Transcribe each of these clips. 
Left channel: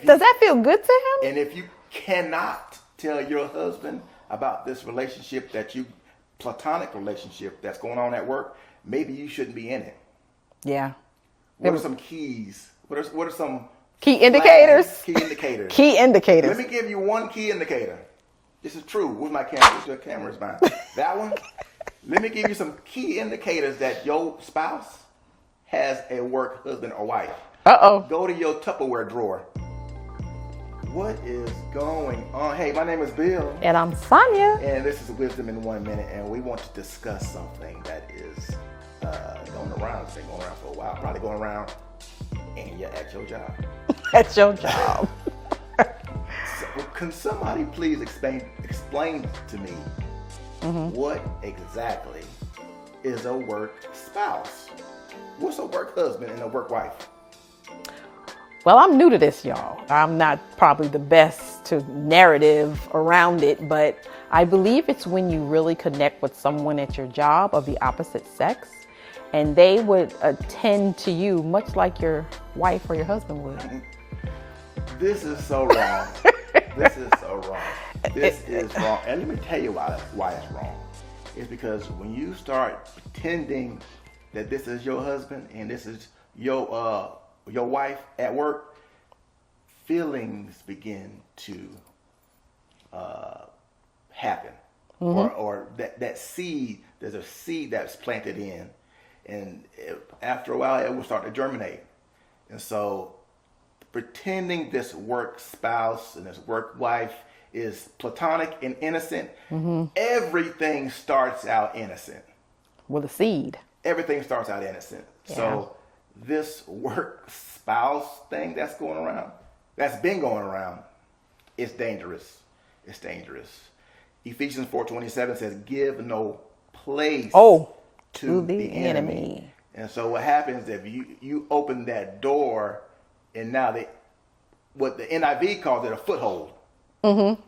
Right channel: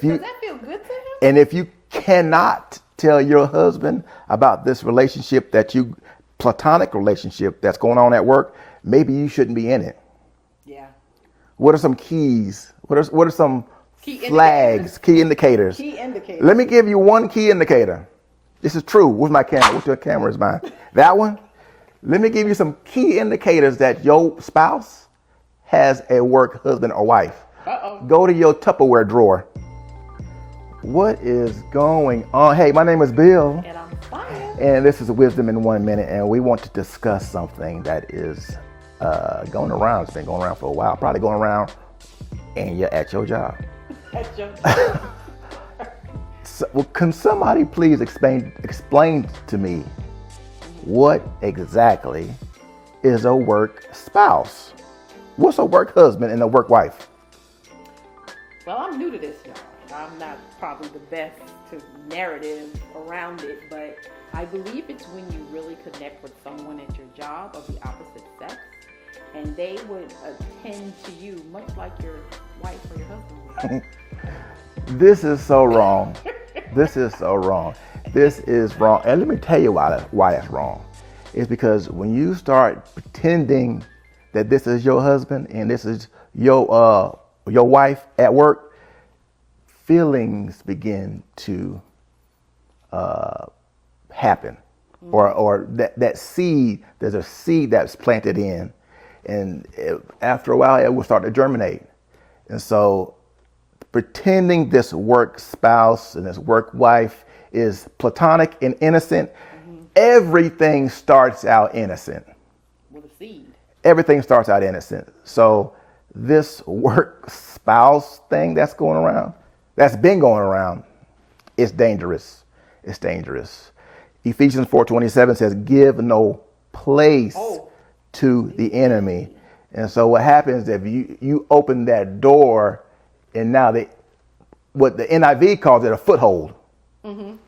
Does that feel good to him? And if you cannot tell your husband about this relationship platonic relationship that's going on at work, maybe you shouldn't be in it. Yeah. What are some keys? What are some key indicators? Key indicators. Key indicators. Let me give you one key indicator. This is true. Where's my camera? What's your camera is mine? That one? Let me give you some key indicators that your spouse has a work husband or wife. Uh-oh. Go to your Tupperware drawer. What is going on? Hey, my name is Bill. And I'm Sonia. And this is Wisdom in 1 Minute. And we want to discuss something that is going around. It's been going around for a while. Probably going around and you're at your job. At your job. Can somebody please explain to me what exactly is a work spouse? What's a work husband and a work wife? Well, I'm new to this, y'all. I'm not probably the best to narrative around it, but I believe it's when you really connect with someone at your job of the opposite sex, and they would attend to you much like your wife or your husband would. This is so wrong. This is so wrong. This is wrong. And let me tell you why that's wrong. It's because when you start pretending that this is your husband and this is your wife at work, feelings begin to happen. Or that seed, there's a seed that's planted in. And after a while, it will start to germinate. And so pretending this work spouse and this work wife is platonic and innocent, everything starts out innocent. With a seed. Everything starts out innocent. Yeah. So this work spouse thing that's been going around, it's dangerous. It's dangerous. Ephesians 4:27 says, give no place to the enemy. And so what happens if you open that door, and now what the NIV calls it a foothold. You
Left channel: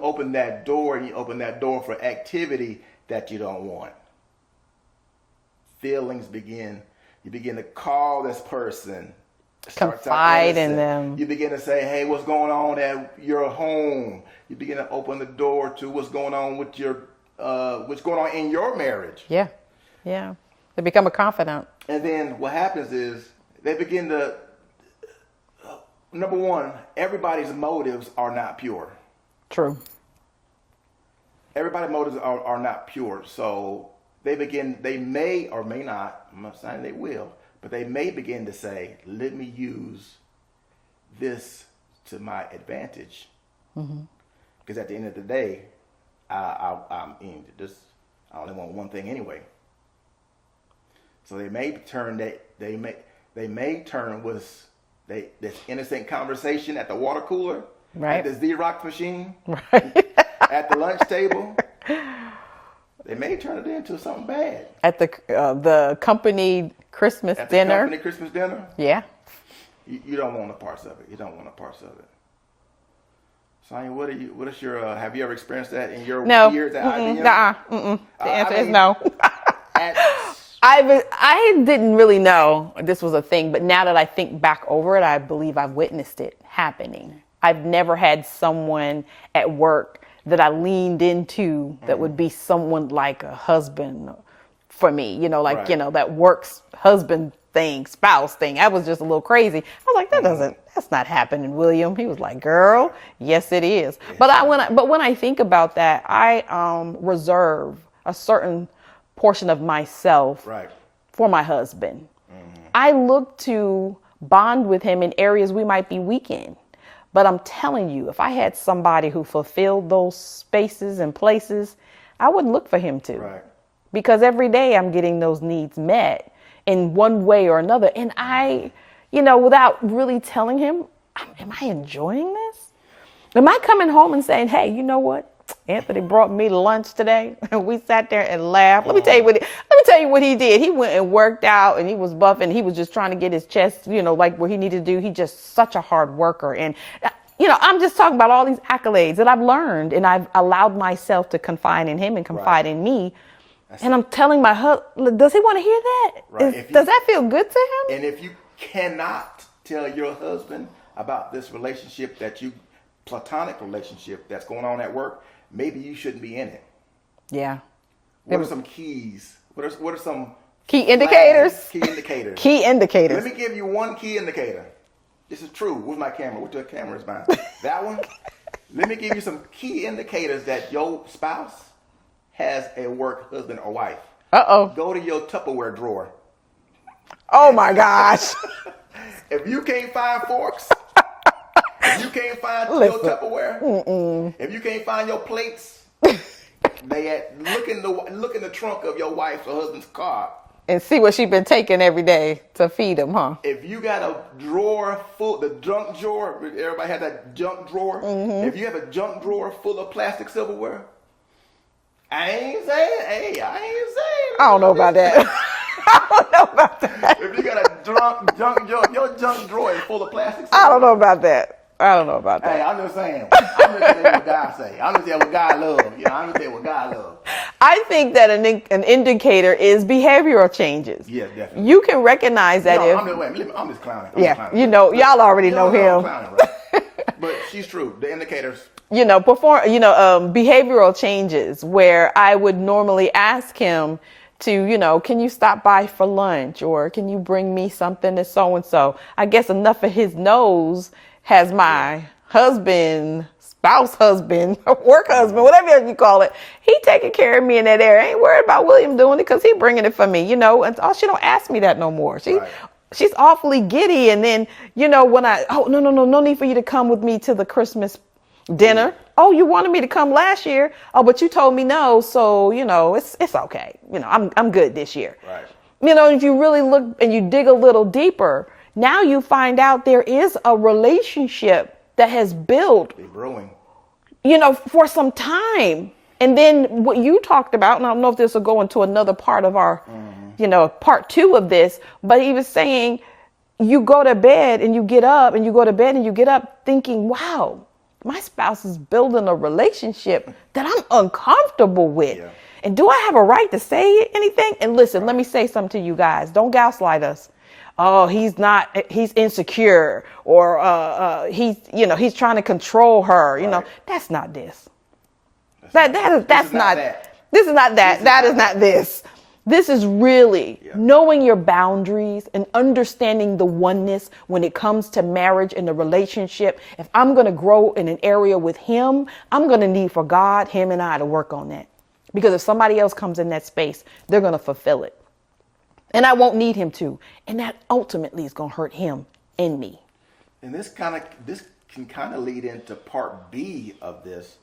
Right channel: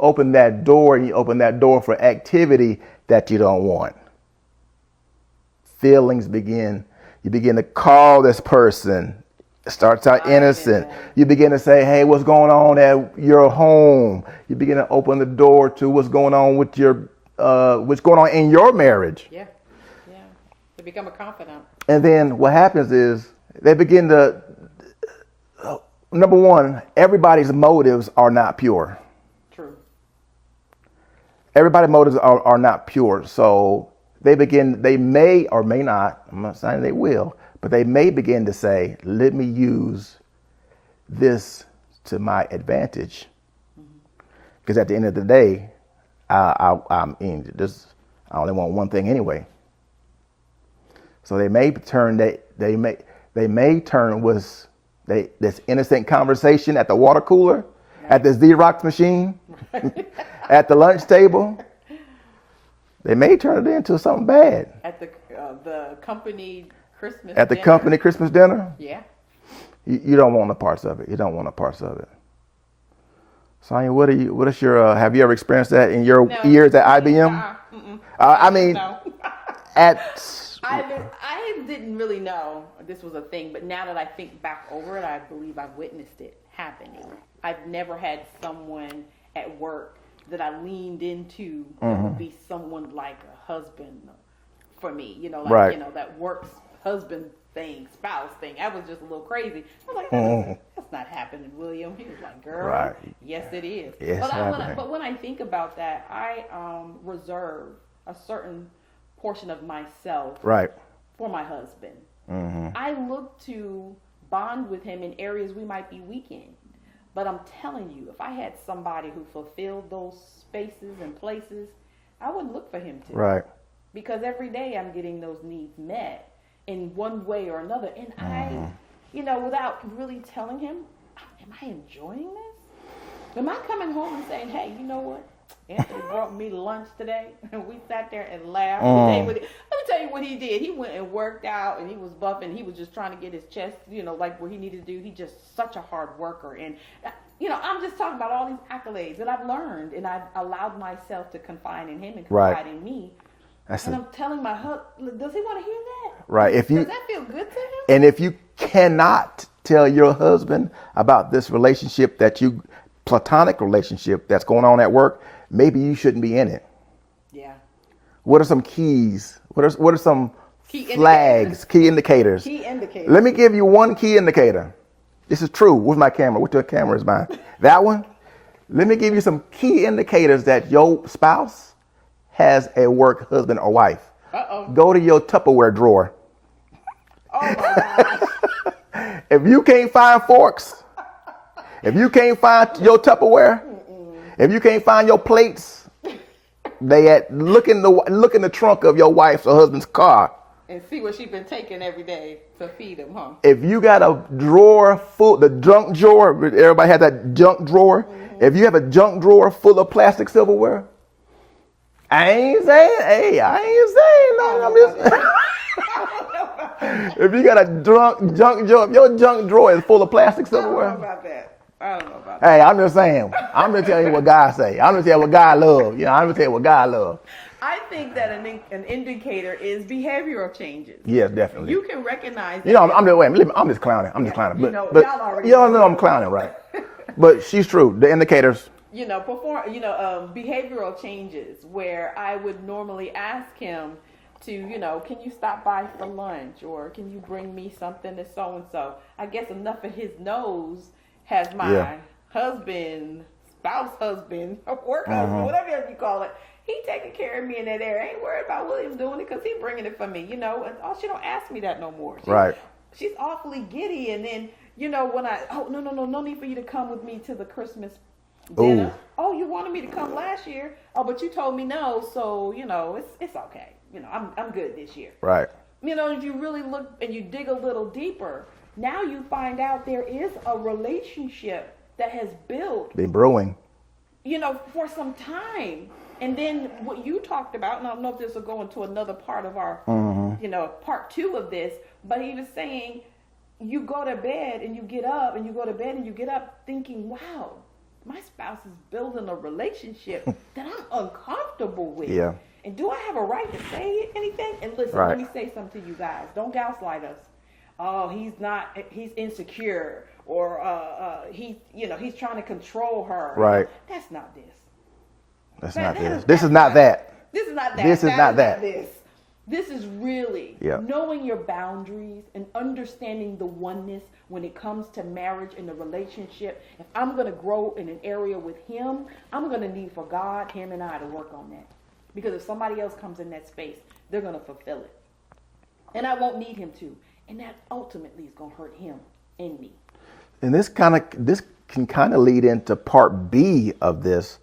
open that door, and you open that door for activity that you don't want. Feelings you begin to call this person. It starts out innocent. You begin to say, hey, what's going on at your home? You begin to open the door to what's going on with what's going on in your marriage. Yeah. Yeah. They become a confidant. And then what happens is they begin to, number one, everybody's motives are not pure. True. Everybody's motives are not pure. So they may or may not, I'm not saying they will, but they may begin to say, let me use this to my advantage. Because at the end of the day, I only want one thing anyway. So they may turn this innocent conversation at the water cooler, at the Xerox machine, at the lunch table. They may turn it into something bad. At the company Christmas dinner. At the company Christmas dinner? Yeah. You don't want the parts of it. You don't want the parts of it. Sonia, what is your, have you ever experienced that in your years at IBM? No. I didn't really know this was a thing, but now that I think back over it, I believe I've witnessed it happening. I've never had someone at work that I leaned into that would be someone like a husband for me, that works husband thing, spouse thing. I was just a little crazy. I was like, that's not happening, William. He was like, girl, yes, it is. Yes, but when I think about that, I reserve a certain portion of myself for my husband. I look to bond with him in areas we might be weak in. But I'm telling you, if I had somebody who fulfilled those spaces and places, I would look for him to. Right. Because every day I'm getting those needs met in one way or another. And I, without really telling him, am I enjoying this? Am I coming home and saying, hey, you know what? Anthony brought me lunch today, and we sat there and laughed. Let me tell you what he did. He went and worked out, and he was buffing. He was just trying to get his chest, like what he needed to do. He's just such a hard worker. And, I'm just talking about all these accolades that I've learned, and I've allowed myself to confide in him and confide in me. I'm telling my husband, does he want to hear that? Right. Does that feel good to him? And if you cannot tell your husband about this relationship platonic relationship that's going on at work, maybe you shouldn't be in it. Yeah. What are some keys? What are some key indicators? Key indicators. Key indicators. Let me give you one key indicator. This is true. Where's my camera? Which camera is mine? That one? Let me give you some key indicators that your spouse has a work husband or wife. Uh-oh. Go to your Tupperware drawer. Oh my gosh. If you can't find forks, if you can't find your Tupperware, if you can't find your plates, look in the trunk of your wife's or husband's car. And see what she's been taking every day to feed him, huh? If you got a drawer full, the junk drawer, everybody has that junk drawer. If you have a junk drawer full of plastic silverware, I ain't saying. I don't know about that. I don't know about that. If you got a junk drawer, your junk drawer is full of plastic silverware. I don't know about that. Hey, I'm just saying. I'm just telling you what God say. I'm just telling you what God love. Yeah, I'm just telling you what God love. I think that an indicator is behavioral changes. Yeah, definitely. You can recognize that. I'm just clowning. Y'all already know him. I'm clowning, right? But she's true. The indicators. Behavioral changes where I would normally ask him to, can you stop by for lunch, or can you bring me something to so and so. I guess enough of his nose has my husband, spouse husband, work husband, whatever you call it. He taking care of me in that area. I ain't worried about William doing it because he bringing it for me, and she don't ask me that no more. She's awfully giddy. And then, when no need for you to come with me to the Christmas dinner. Ooh. Oh, you wanted me to come last year. Oh, but you told me no. So, it's okay. I'm good this year. Right. If you really look and you dig a little deeper, now you find out there is a relationship that has built. Been brewing. For some time. And then what you talked about, and I don't know if this will go into another part of our, part 2 of this, but he was saying you go to bed and you get up, and you go to bed and you get up thinking, wow, my spouse is building a relationship that I'm uncomfortable with. Yeah. And do I have a right to say anything? And listen, let me say something to you guys. Don't gaslight us. Oh, he's insecure, or he's trying to control her. Right. That's not this. This is not that. This is not that. That is not this. This is really knowing your boundaries and understanding the oneness when it comes to marriage and the relationship. If I'm going to grow in an area with him, I'm going to need for God, him and I to work on that. Because if somebody else comes in that space, they're going to fulfill it. And I won't need him to. And that ultimately is going to hurt him and me. And this can kind of lead into part B of this.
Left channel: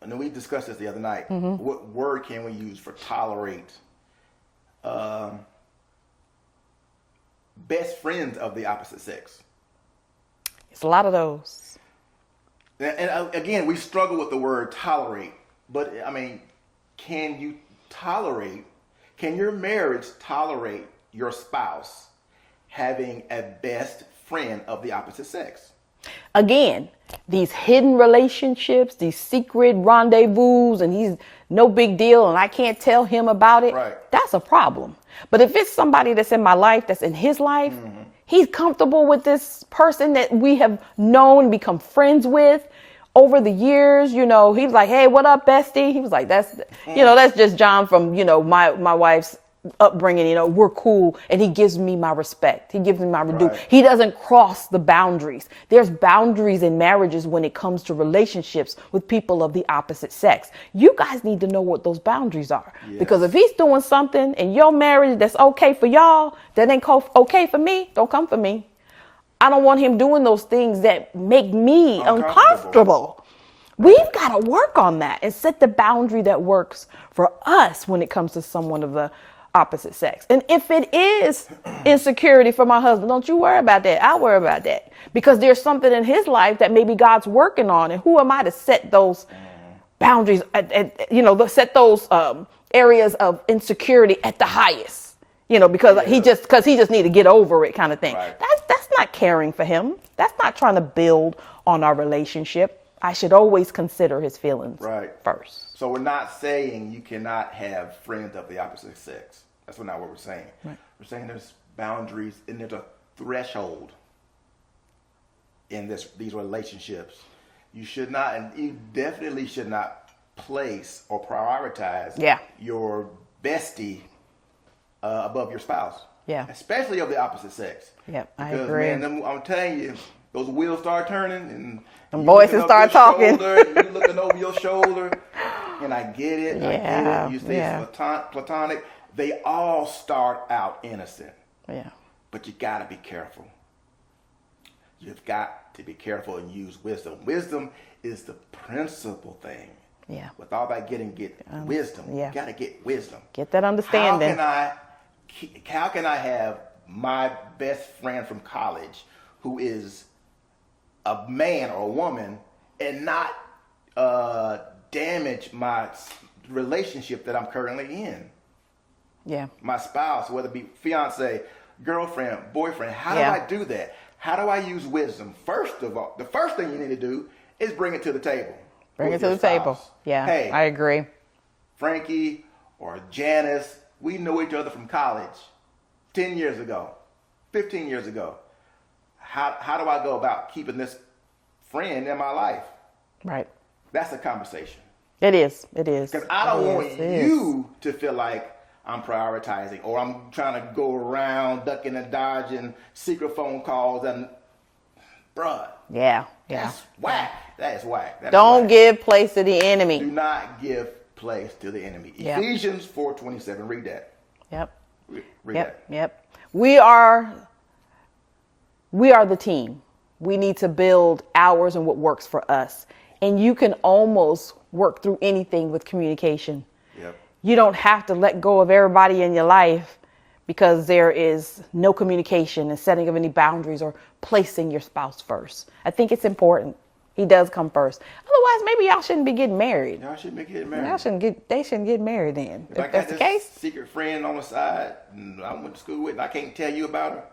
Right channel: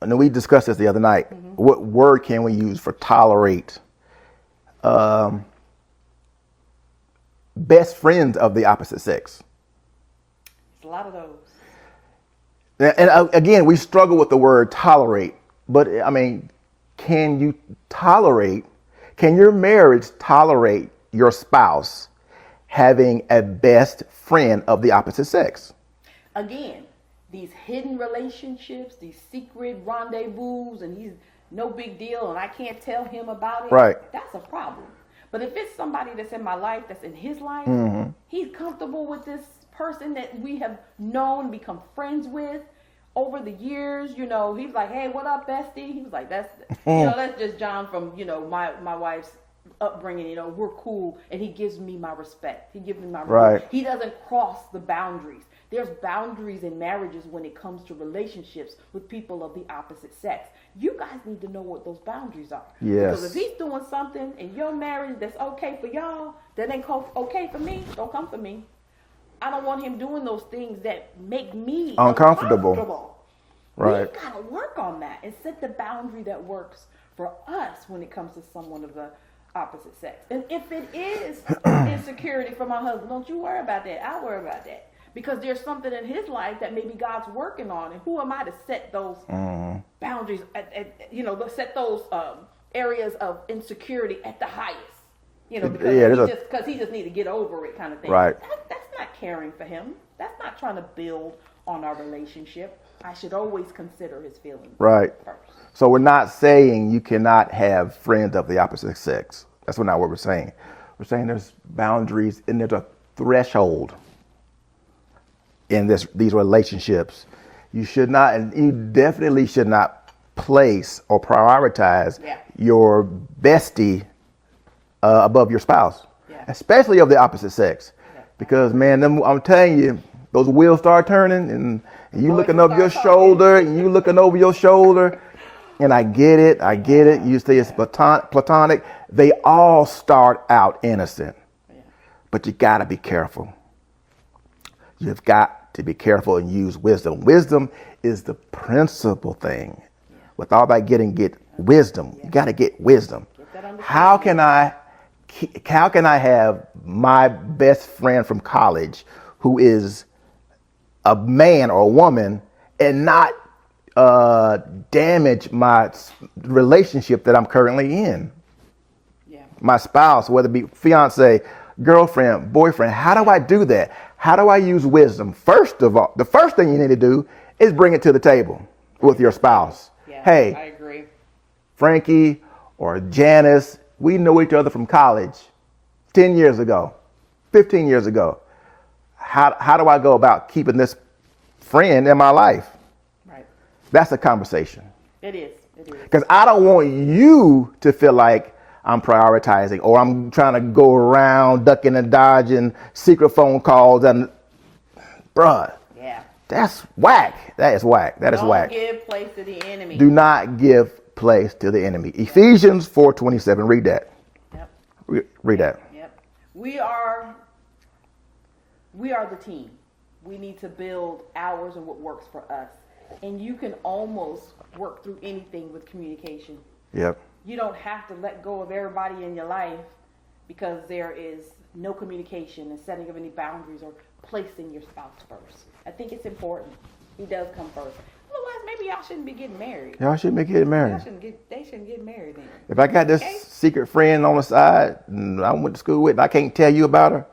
And we discussed this the other night. What word can we use for tolerate? Best friends of the opposite sex. It's a lot of those. And again, we struggle with the word tolerate. But I mean, can your marriage tolerate your spouse having a best friend of the opposite sex? Again, these hidden relationships, these secret rendezvous, and he's no big deal and I can't tell him about it. Right. That's a problem. But if it's somebody that's in my life, that's in his life, he's comfortable with this person that we have known, become friends with over the years. He's like, hey, what up, bestie? He was like, that's just John from, my wife's upbringing. We're cool. And he gives me my respect. He gives me my right. He doesn't cross the boundaries. There's boundaries in marriages when it comes to relationships with people of the opposite sex. You guys need to know what those boundaries are. Yes. Because if he's doing something in your marriage that's okay for y'all, that ain't okay for me, don't come for me. I don't want him doing those things that make me uncomfortable. Right. We've got to work on that and set the boundary that works for us when it comes to someone of the opposite sex. And if it is insecurity for my husband, don't you worry about that. I'll worry about that. Because there's something in his life that maybe God's working on. And who am I to set those boundaries, set those areas of insecurity at the highest? Because he just need to get over it kind of thing. Right. That's not caring for him. That's not trying to build on our relationship. I should always consider his feelings first. So we're not saying you cannot have friends of the opposite sex. That's not what we're saying. We're saying there's boundaries and there's a threshold. in these relationships. You should not, and you definitely should not place or prioritize your bestie above your spouse. Yeah. Especially of the opposite sex. Yeah. Because man, I'm telling you, those wheels start turning and you voices looking over your start talking. shoulder and you looking over your shoulder. And I get it. I get it. You say it's platonic. They all start out innocent. Yeah. But you got to be careful. You've got to be careful and use wisdom. Wisdom is the principal thing. Yeah. With all that get wisdom. Yeah. You got to get wisdom. Get that understanding. How can I have my best friend from college who is a man or a woman and not damage my relationship that I'm currently in? Yeah. My spouse, whether it be fiance, girlfriend, boyfriend. How do I do that? How do I use wisdom? First of all, the first thing you need to do is bring it to the table with your spouse. Yeah, hey, I agree. Frankie or Janice, we know each other from college 10 years ago, 15 years ago. How do I go about keeping this friend in my life? Right. That's a conversation. It is. It is. Because I don't want you to feel like I'm prioritizing or I'm trying to go around ducking and dodging secret phone calls and bruh. Yeah. That's whack. That is whack. That is Don't whack. give place to the enemy. Do not give place to the enemy. Ephesians 4:27. Read that. Yep. Read that. Yep. We are the team. We need to build ours and what works for us. And you can almost work through anything with communication. Yep. You don't have to let go of everybody in your life because there is no communication and setting of any boundaries or placing your spouse first. I think it's important. He does come first. Otherwise, maybe y'all shouldn't be getting married. Y'all shouldn't be getting married. They shouldn't get married then. If I got this secret friend on the side and I went to school with and I can't tell you about her,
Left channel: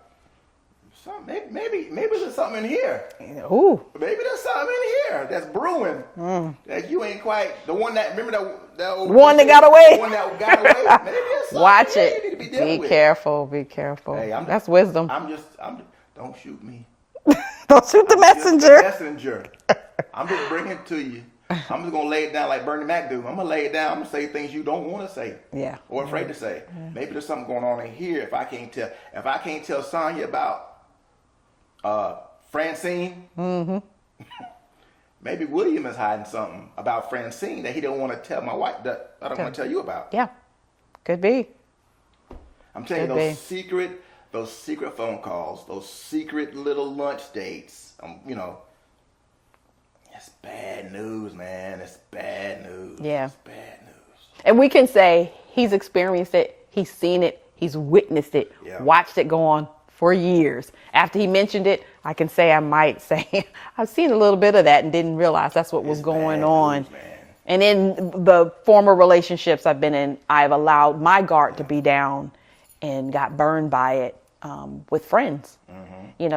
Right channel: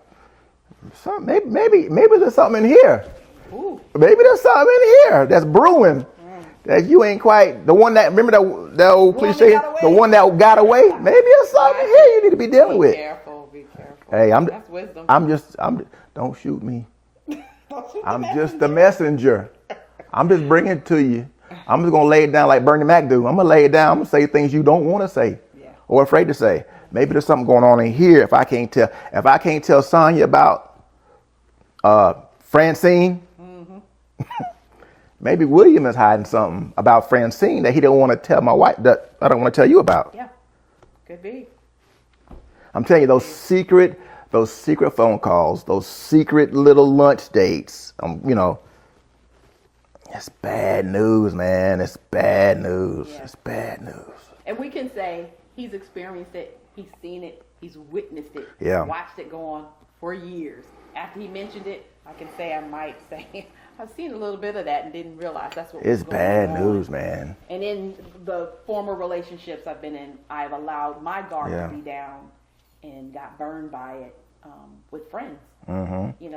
maybe there's something in here. Ooh. Maybe there's something in here that's brewing that you ain't quite the one that remember that old one that got away. The one that got away. Maybe there's something here you need to be dealing with. Be careful. Be careful. Hey, that's wisdom. Don't shoot me. Don't shoot the messenger. I'm just the messenger. I'm just bringing it to you. I'm just gonna lay it down like Bernie Mac do. I'm gonna lay it down. I'm gonna say things you don't want to say. Yeah. Or afraid to say. Maybe there's something going on in here. If I can't tell Sonya about Francine, maybe William is hiding something about Francine that he don't want to tell my wife that I don't want to tell you about. Yeah, could be. I'm telling you, those secret phone calls, those secret little lunch dates. It's bad news, man. It's bad news. Yeah. It's bad news. And we can say he's experienced it, he's seen it, he's witnessed it, watched it go on for years. After he mentioned it, I can say I might say I've seen a little bit of that and didn't realize that's what was going on. News, man. And in the former relationships I've been in, I've allowed my guard to be down and got burned by it with friends. Mm-hmm. You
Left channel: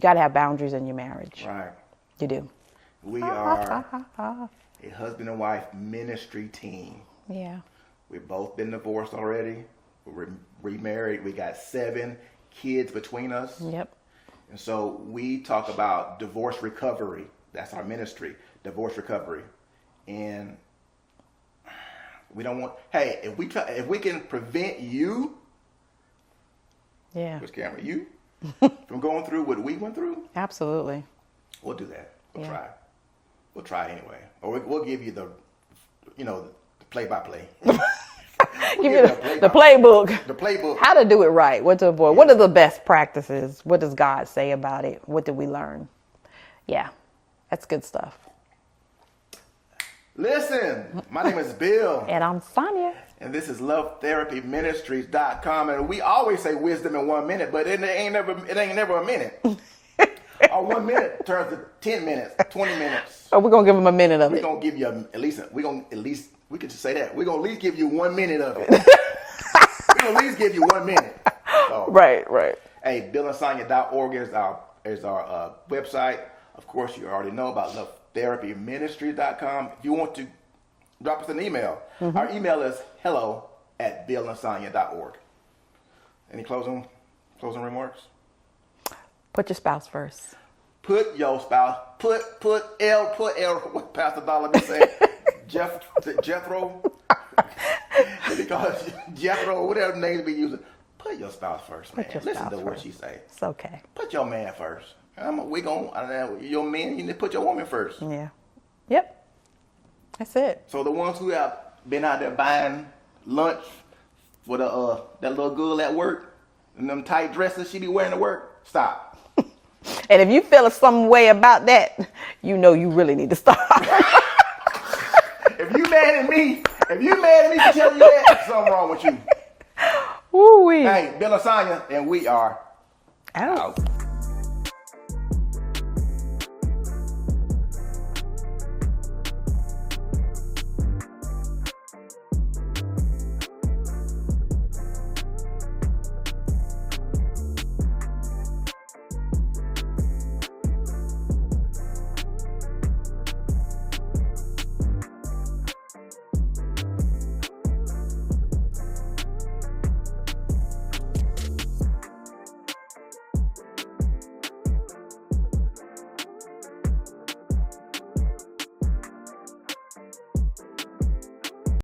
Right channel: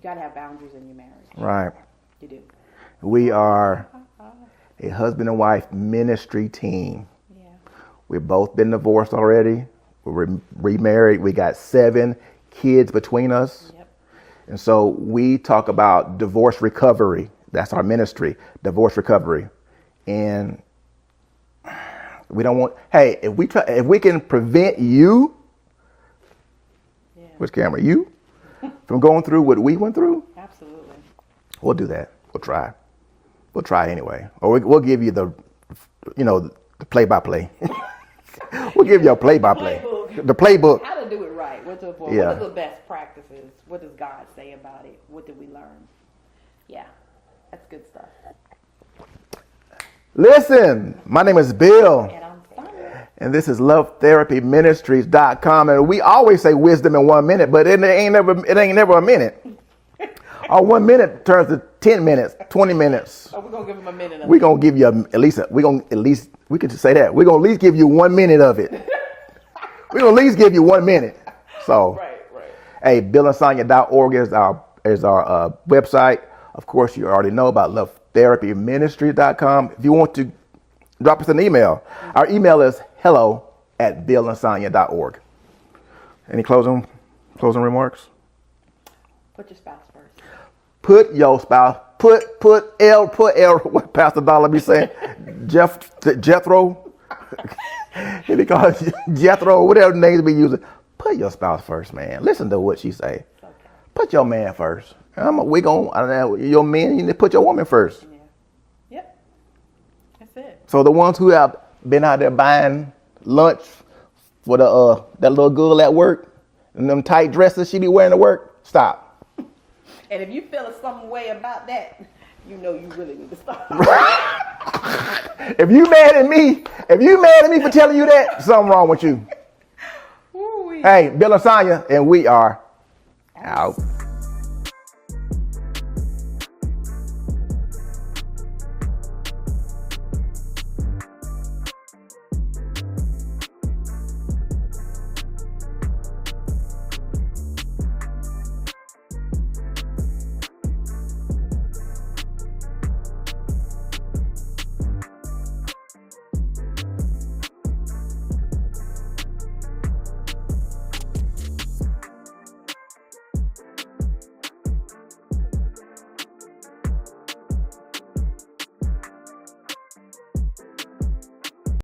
got to have boundaries in your marriage. Right. You do. We are a husband and wife ministry team. Yeah. We've both been divorced already. We're remarried. We got 7 kids between us. Yep. And so we talk about divorce recovery. That's our ministry, divorce recovery. And we don't want, hey, if we can prevent you, which camera, you, from going through what we went through. Absolutely. We'll do that. We'll try. We'll try anyway. Or we'll give you the play-by-play. We'll give you a play-by-play. The playbook. How to do it right. What to avoid. What are the best practices? What does God say about it? What did we learn? Yeah, that's good stuff. Listen, my name is Bill. And I'm Sonya. And this is LoveTherapyMinistries.com. And we always say wisdom in 1 minute, but it ain't never a minute. Our 1 minute turns to 10 minutes, 20 minutes. Oh, we're going to give them a minute of it. We're going to give you we can just say that. We're going to at least give you 1 minute of it. We're going to at least give you 1 minute. So Right. Hey, BillandSonya.org is our website. Of course, you already know about LoveTherapyMinistries.com. If you want to drop us an email, our email is hello@BillandSonya.org. Any closing remarks? Put your spouse first. Put your spouse, put L, what Pastor Dollar be saying? Jethro? Did he call it Jethro? Whatever names be using. Put your spouse first, man. Listen to what she say. It's okay. Put your man first. Your man, you need to put your woman first. Yeah. Yep. That's it. So the ones who have been out there buying lunch for that little girl at work and them tight dresses she be wearing to work, stop. And if you feel some way about that, you know you really need to stop. If you mad at me for telling you that, something wrong with you. Ooh-wee. Hey, Bill and Sonya, and we are out.